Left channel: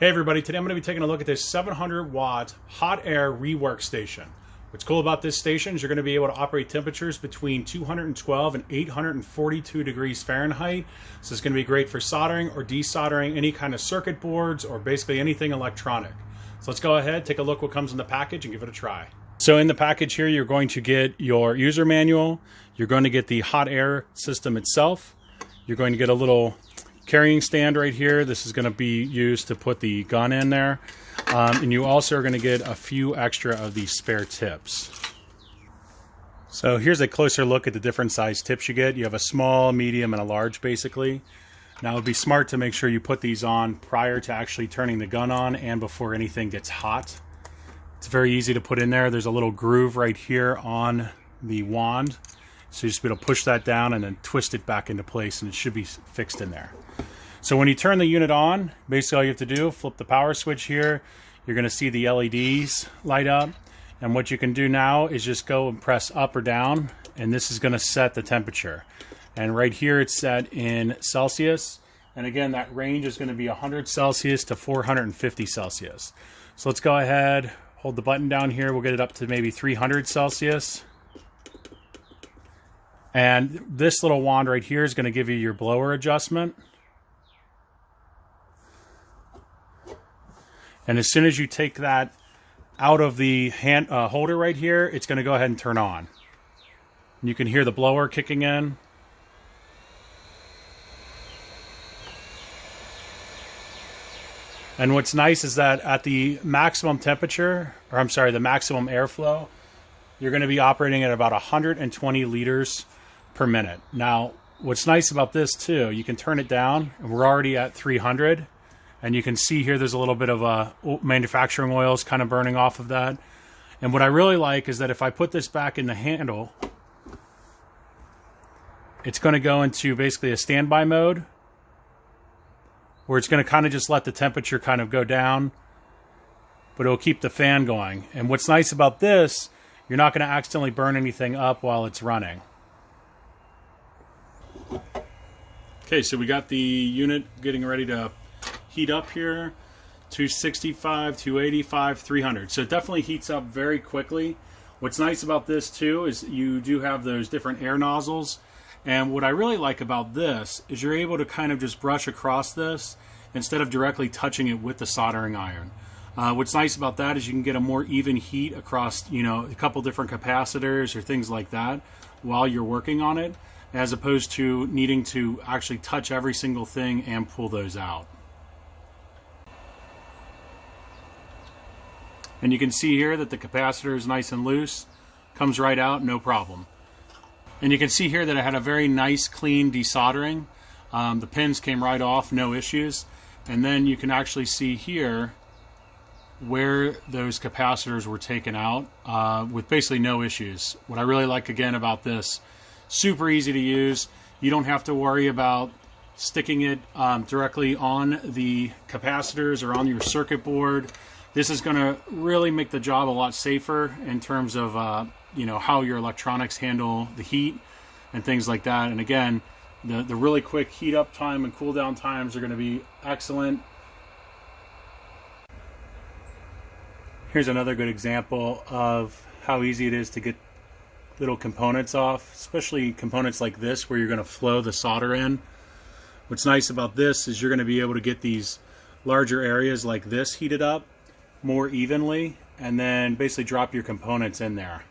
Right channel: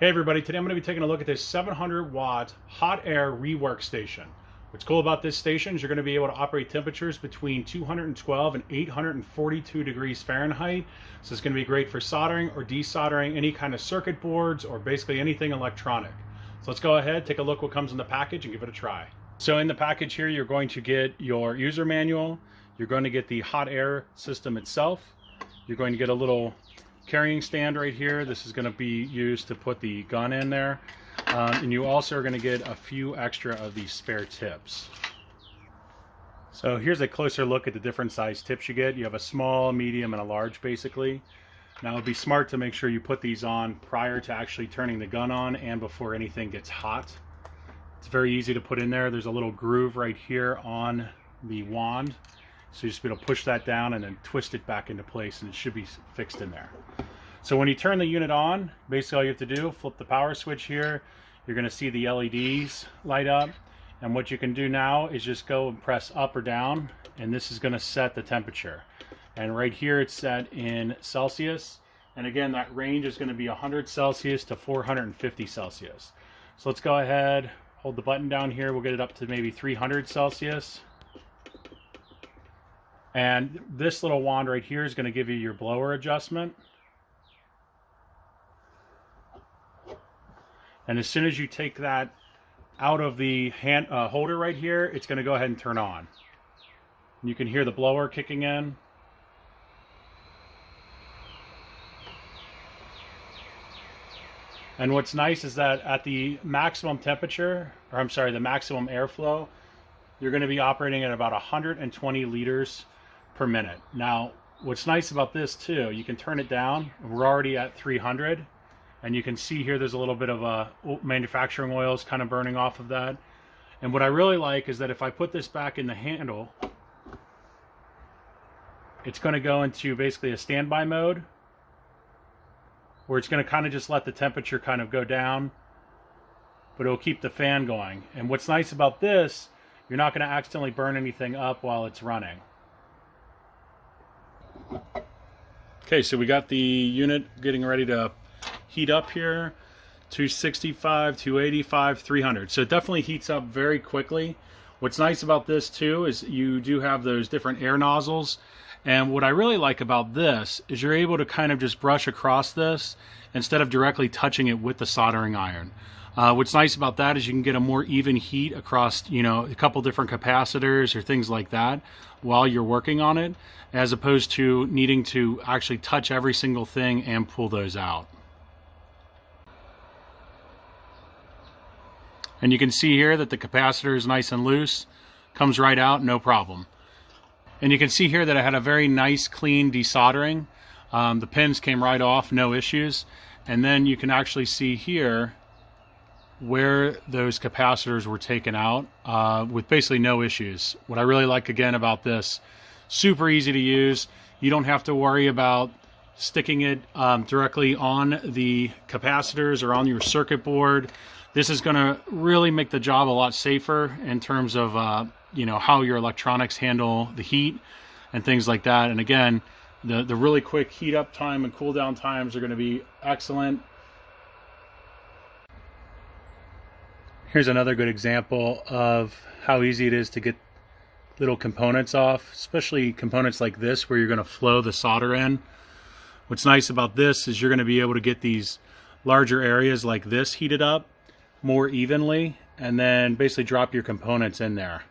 Hey everybody, today I'm going to be taking a look at this 700 watt hot air rework station. What's cool about this station is you're going to be able to operate temperatures between 212 and 842 degrees Fahrenheit. So it's going to be great for soldering or desoldering any kind of circuit boards or basically anything electronic. So let's go ahead, take a look what comes in the package and give it a try. So in the package here, you're going to get your user manual. You're going to get the hot air system itself. You're going to get a little carrying stand right here. This is going to be used to put the gun in there. And you also are going to get a few extra of these spare tips. So here's a closer look at the different size tips you get. You have a small, medium, and a large basically. Now it would be smart to make sure you put these on prior to actually turning the gun on and before anything gets hot. It's very easy to put in there. There's a little groove right here on the wand. So you just be able to push that down and then twist it back into place and it should be fixed in there. So when you turn the unit on, basically all you have to do, flip the power switch here. You're going to see the LEDs light up. And what you can do now is just go and press up or down. And this is going to set the temperature. And right here it's set in Celsius. And again, that range is going to be 100 Celsius to 450 Celsius. So let's go ahead, hold the button down here. We'll get it up to maybe 300 Celsius. And this little wand right here is going to give you your blower adjustment. And as soon as you take that out of the hand holder right here, it's going to go ahead and turn on. And you can hear the blower kicking in. And what's nice is that at the maximum temperature, or I'm sorry, the maximum airflow, you're going to be operating at about 120 liters per minute. Now, what's nice about this too, you can turn it down. We're already at 300. And you can see here there's a little bit of manufacturing oils kind of burning off of that. And what I really like is that if I put this back in the handle, it's going to go into basically a standby mode where it's going to kind of just let the temperature kind of go down, but it'll keep the fan going. And what's nice about this, you're not going to accidentally burn anything up while it's running. Okay, so we got the unit getting ready to heat up here. 265, 285, 300. So it definitely heats up very quickly. What's nice about this too is you do have those different air nozzles. And what I really like about this is you're able to kind of just brush across this instead of directly touching it with the soldering iron. What's nice about that is you can get a more even heat across, you know, a couple different capacitors or things like that while you're working on it, as opposed to needing to actually touch every single thing and pull those out. And you can see here that the capacitor is nice and loose, comes right out, no problem. And you can see here that I had a very nice, clean desoldering. The pins came right off, no issues. And then you can actually see here where those capacitors were taken out with basically no issues. What I really like again about this, super easy to use. You don't have to worry about sticking it directly on the capacitors or on your circuit board. This is going to really make the job a lot safer in terms of you know, how your electronics handle the heat and things like that. And again, the really quick heat up time and cool down times are going to be excellent. Here's another good example of how easy it is to get little components off, especially components like this where you're going to flow the solder in. What's nice about this is you're going to be able to get these larger areas like this heated up more evenly and then basically drop your components in there.